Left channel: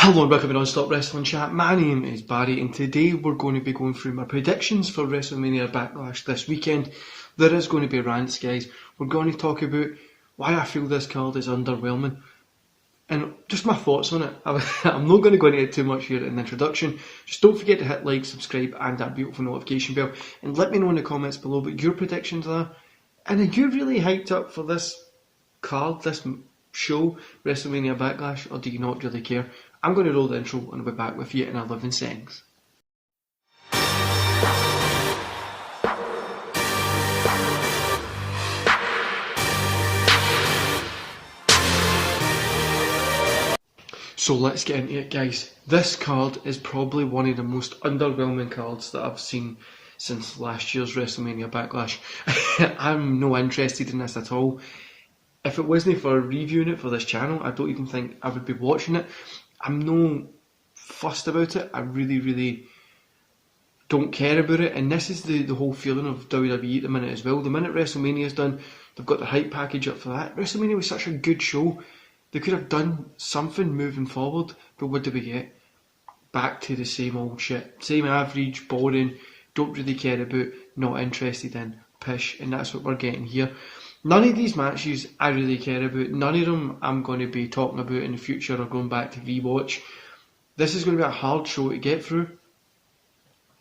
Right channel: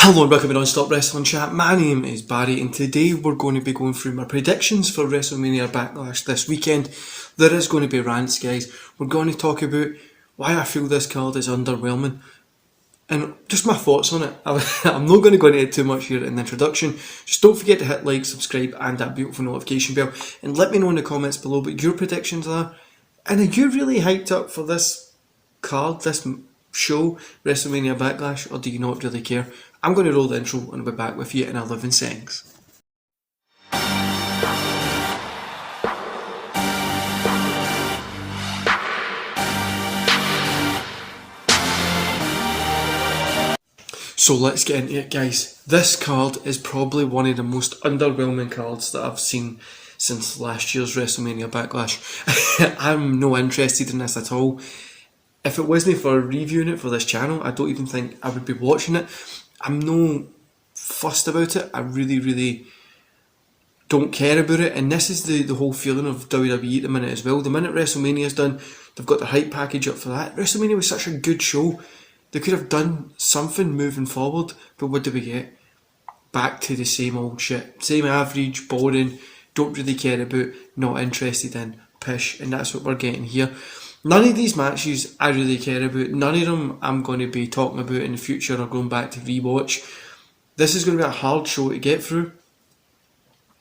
Hello and welcome to Non-Stop Wrestling Chat. My name is Barry and today we're going to be going through my predictions for WrestleMania Backlash this weekend. There is going to be rants, guys. We're going to talk about why I feel this card is underwhelming and just my thoughts on it. I'm not going to go into it too much here in the introduction. Just don't forget to hit like, subscribe and that beautiful notification bell and let me know in the comments below what your predictions are. And are you really hyped up for this card, this show, WrestleMania Backlash, or do you not really care? I'm going to roll the intro and I'll be back with you in 11 seconds. So let's get into it, guys. This card is probably one of the most underwhelming cards that I've seen since last year's WrestleMania Backlash. I'm no interested in this at all. If it wasn't for reviewing it for this channel, I don't even think I would be watching it. I'm no fussed about it. I really don't care about it. And this is the whole feeling of WWE at the minute as well. The minute WrestleMania's done, they've got the hype package up for that. WrestleMania was such a good show. They could have done something moving forward. But what do we get? Back to the same old shit. Same average, boring, don't really care about, not interested in, pish. And that's what we're getting here. None of these matches I really care about. None of them I'm going to be talking about in the future or going back to rewatch. This is going to be a hard show to get through.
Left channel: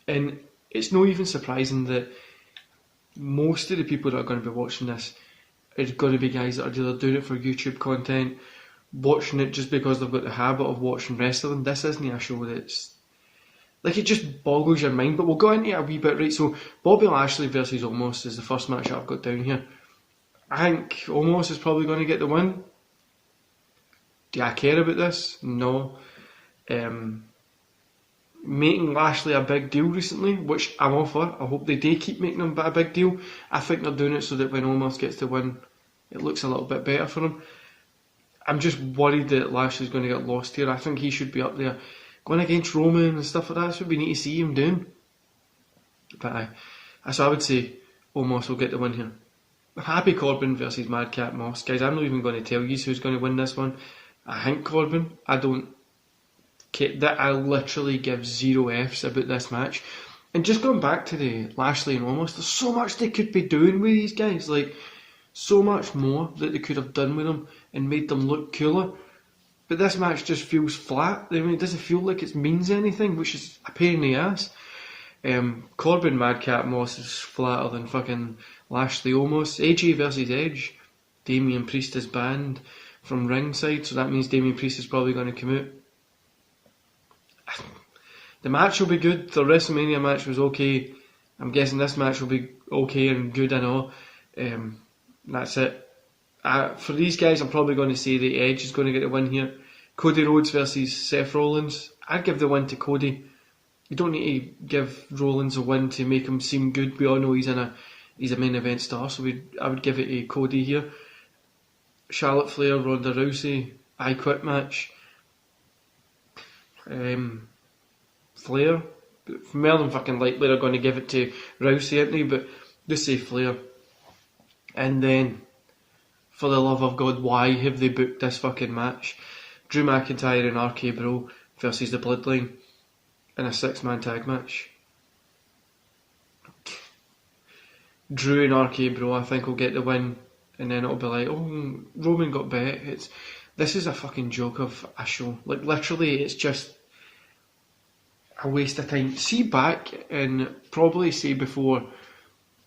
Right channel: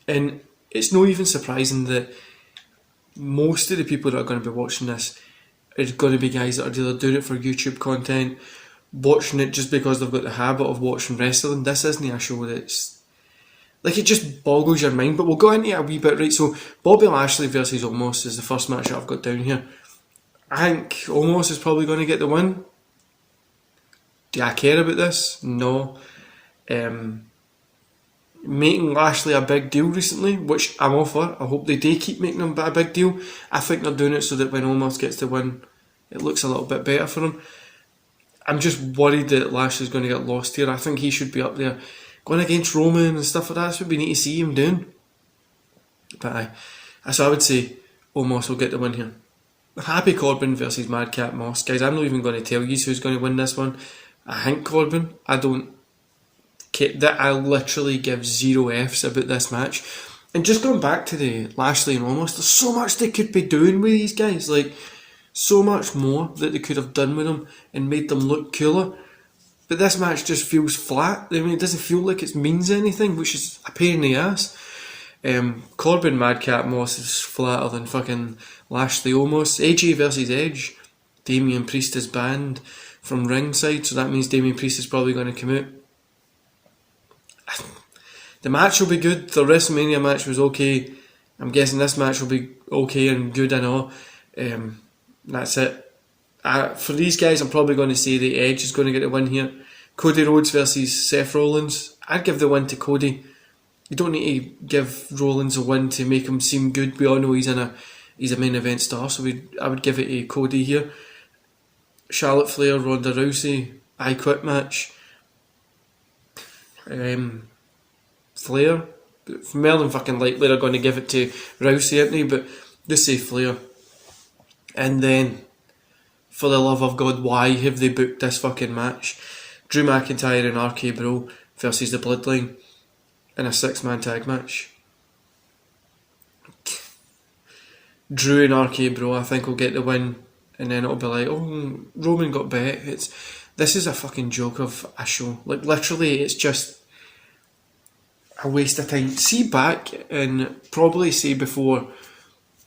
And it's not even surprising that most of the people that are going to be watching this are going to be guys that are either doing it for YouTube content, watching it just because they've got the habit of watching wrestling. This isn't a show that's... like, it just boggles your mind. But we'll go into it a wee bit, right? So, Bobby Lashley versus Omos is the first match that I've got down here. I think Omos is probably going to get the win. Do I care about this? No. Making Lashley a big deal recently, which I'm all for. I hope they do keep making him a big deal. I think they're doing it so that when Omos gets the win, it looks a little bit better for him. I'm just worried that Lashley's going to get lost here. I think he should be up there going against Roman and stuff like that. That's what we need to see him doing. But so I would say Omos will get the win here. Happy Corbin versus Madcap Moss. Guys, I'm not even going to tell you who's going to win this one. I think Corbin. I don't care. I literally give 0 Fs about this match. And just going back to the Lashley and Omos, there's so much they could be doing with these guys. Like, so much more that they could have done with them and made them look cooler. But this match just feels flat. I mean, it doesn't feel like it means anything, which is a pain in the ass. Corbin Madcap Moss is flatter than fucking Lashley Omos. AJ versus Edge. Damian Priest is banned from ringside, so that means Damian Priest is probably going to come out. The match will be good. The WrestleMania match was okay. I'm guessing this match will be okay and good and all. That's it. For these guys, I'm probably going to say the Edge is going to get the win here. Cody Rhodes versus Seth Rollins. I'd give the win to Cody. You don't need to give Rollins a win to make him seem good. We all know he's a main event star, so I would give it to Cody here. Charlotte Flair, Ronda Rousey, I Quit match. Flair. More than fucking likely they're going to give it to Rousey, aren't they? But just say Flair. And then, for the love of God, why have they booked this fucking match? Drew McIntyre and RK Bro versus the Bloodline in a 6-man tag match. Drew and RK Bro, I think, will get the win, and then it'll be like, oh, Roman got bet. This is a fucking joke of a show. Like, literally, it's just a waste of time. See back and probably say before,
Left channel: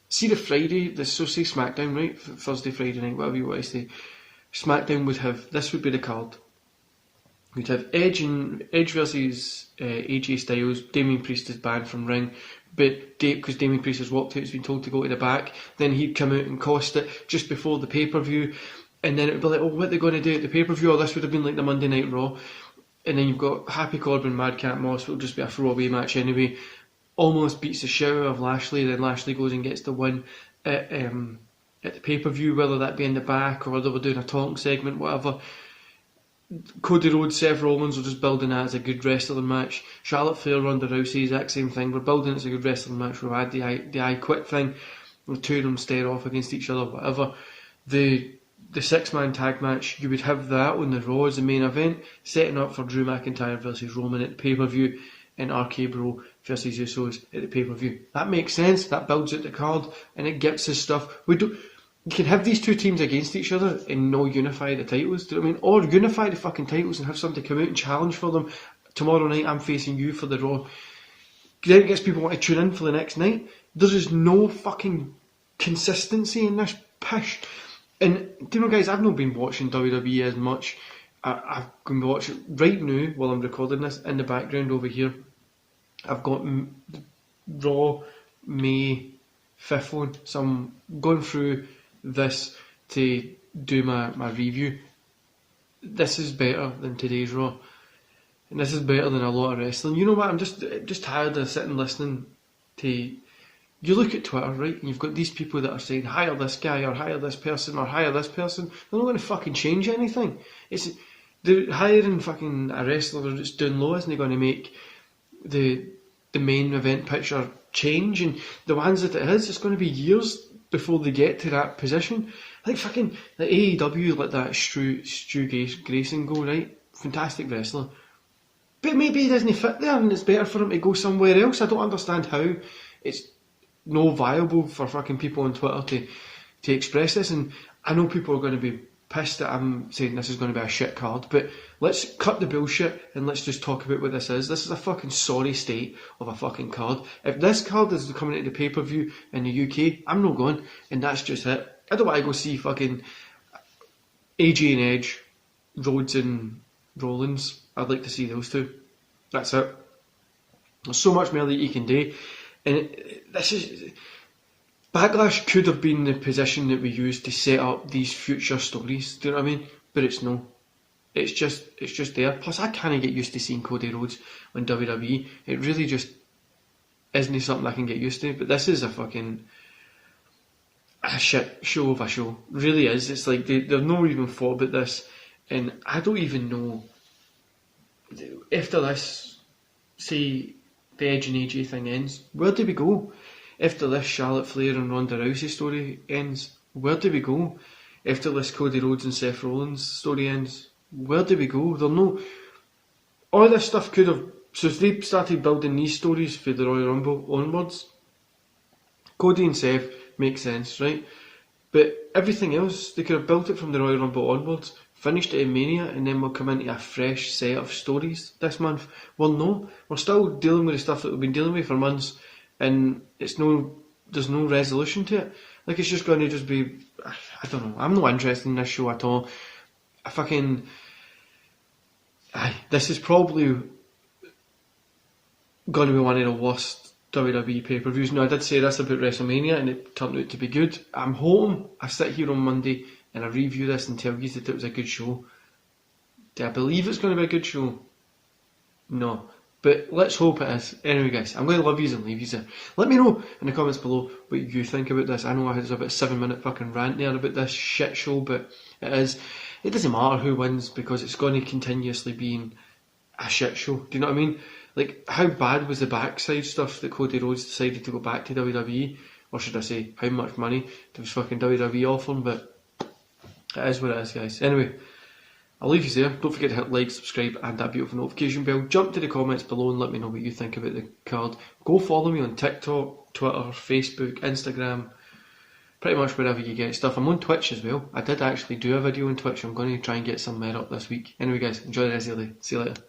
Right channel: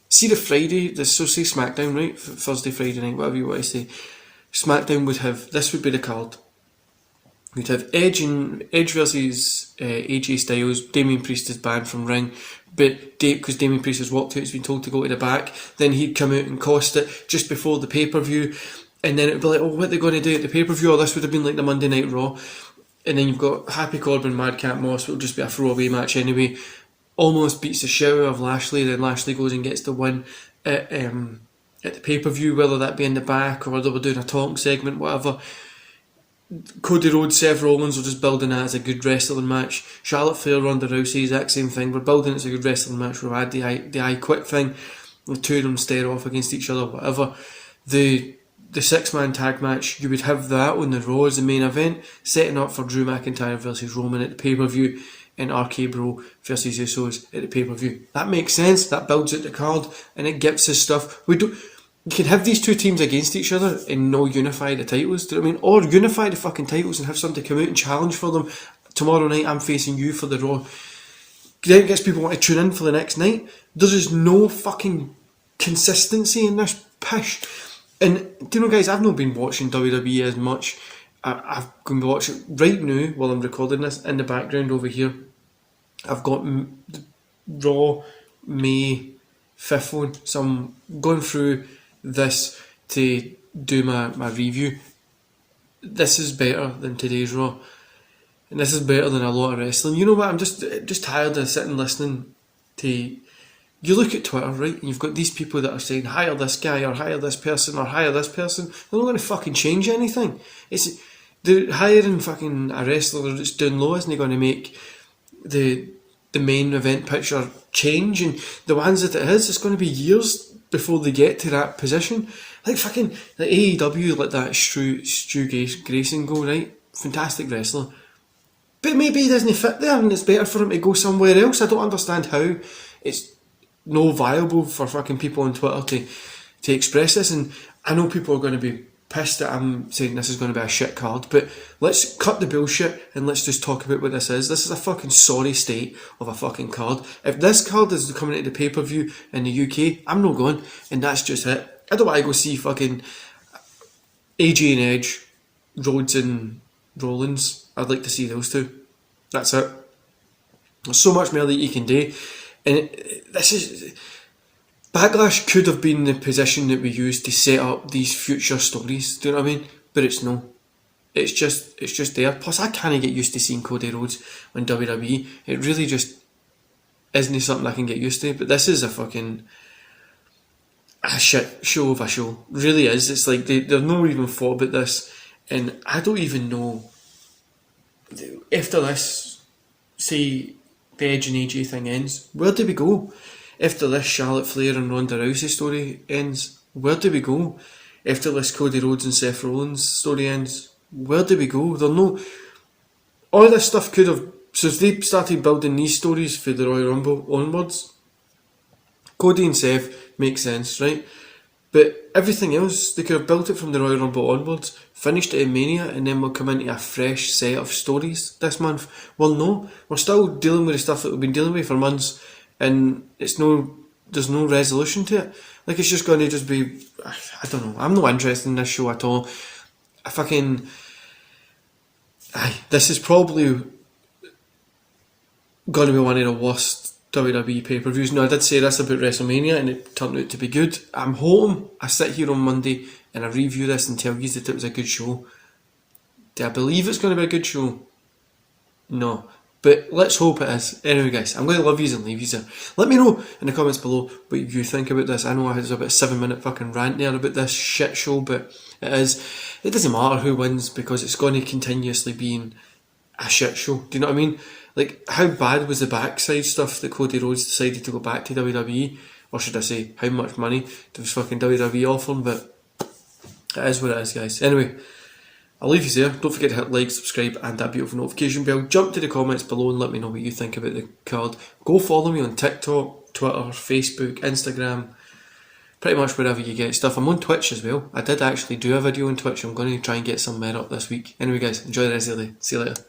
see the Friday, so say SmackDown, right? Thursday, Friday night, whatever you want to say. SmackDown would have, this would be the card. You'd have Edge versus AJ Styles. Damian Priest is banned from ring, but because Damian Priest has walked out, he's been told to go to the back. Then he'd come out and cost it just before the pay-per-view, and then it'd be like, oh, what are they going to do at the pay-per-view? Or this would have been like the Monday Night Raw. And then you've got Happy Corbin, Madcap Moss, which will just be a throwaway match anyway. Almost beats the shit out of Lashley, then Lashley goes and gets the win at the pay-per-view, whether that be in the back or whether we're doing a talking segment, whatever. Cody Rhodes, Seth Rollins, we're just building that as a good wrestling match. Charlotte Flair, Ronda Rousey, exact same thing. We're building it as a good wrestling match. We'll add the I Quit thing. The two of them stare off against each other, whatever. The the 6-man tag match, you would have that on the Raw as the main event, setting up for Drew McIntyre versus Roman at the pay-per-view, and RK Bro versus Usos at the pay-per-view. That makes sense, that builds out the card, and it gives us stuff. You can have these two teams against each other and no unify the titles, do you know what I mean? Or unify the fucking titles and have somebody come out and challenge for them. Tomorrow night I'm facing you for the Raw. Then it gets people want to tune in for the next night. There's just no fucking consistency in this pish. And do you know, guys, I've not been watching WWE as much. I've been watching right now while I'm recording this in the background over here. I've got Raw May 5th one, so I'm going through this to do my review. This is better than today's Raw, and this is better than a lot of wrestling. You know what? I'm just tired of sitting listening to. You look at Twitter, right, and you've got these people that are saying hire this guy or hire this person or hire this person. They're not going to fucking change anything. They're hiring fucking a wrestler that's doing low isn't going to make the main event picture change, and the ones that it is, it's going to be years before they get to that position. Like fucking like AEW let that Stu Grayson go, right? Fantastic wrestler. But maybe he doesn't fit there and it's better for him to go somewhere else. I don't understand how it's no viable for fucking people on Twitter to express this, and I know people are going to be pissed that I'm saying this is going to be a shit card, but let's cut the bullshit and let's just talk about what this is. This is a fucking sorry state of a fucking card. If this card is coming into the pay-per-view in the UK, I'm not going, and that's just it. I don't want to go see fucking AJ and Edge, Rhodes and Rollins. I'd like to see those two. That's it. There's so much more that you can do, and this is... Backlash could have been the position that we used to set up these future stories, do you know what I mean? But it's no. It's just there. Plus I can't get used to seeing Cody Rhodes on WWE. It really just isn't something I can get used to. But this is a fucking shit show of a show. Really is. It's like they've not even thought about this, and I don't even know. After this, say the Edge and AJ thing ends, where do we go? After this Charlotte Flair and Ronda Rousey story ends, where do we go? After this Cody Rhodes and Seth Rollins story ends, where do we go? All this stuff could have... So if they started building these stories for the Royal Rumble onwards, Cody and Seth makes sense, right? But everything else, they could have built it from the Royal Rumble onwards, finished it in Mania, and then we'll come into a fresh set of stories this month. Well, no, we're still dealing with the stuff that we've been dealing with for months, and there's no resolution to it. Like, it's just going to just be, I don't know, I'm not interested in this show at all. This is probably going to be one of the worst WWE pay-per-views. Now, I did say this about WrestleMania and it turned out to be good. I'm hoping I sit here on Monday and I review this and tell you that it was a good show. Do I believe it's going to be a good show? No. But let's hope it is. Anyway, guys, I'm going to love yous and leave yous there. Let me know in the comments below what you think about this. I know I had about a 7-minute fucking rant there about this shit show, but it doesn't matter who wins because it's going to continuously be a shit show. Do you know what I mean? Like, how bad was the backside stuff that Cody Rhodes decided to go back to WWE? Or should I say, how much money does fucking WWE offering? But it is what it is, guys. Anyway, I'll leave you there. Don't forget to hit like, subscribe and that beautiful notification bell. Jump to the comments below and let me know what you think about the card. Go follow me on TikTok, Twitter, Facebook, Instagram, pretty much wherever you get stuff. I'm on Twitch as well. I did actually do a video on Twitch. I'm going to try and get some more up this week. Anyway, guys, enjoy the rest of the day. See you later.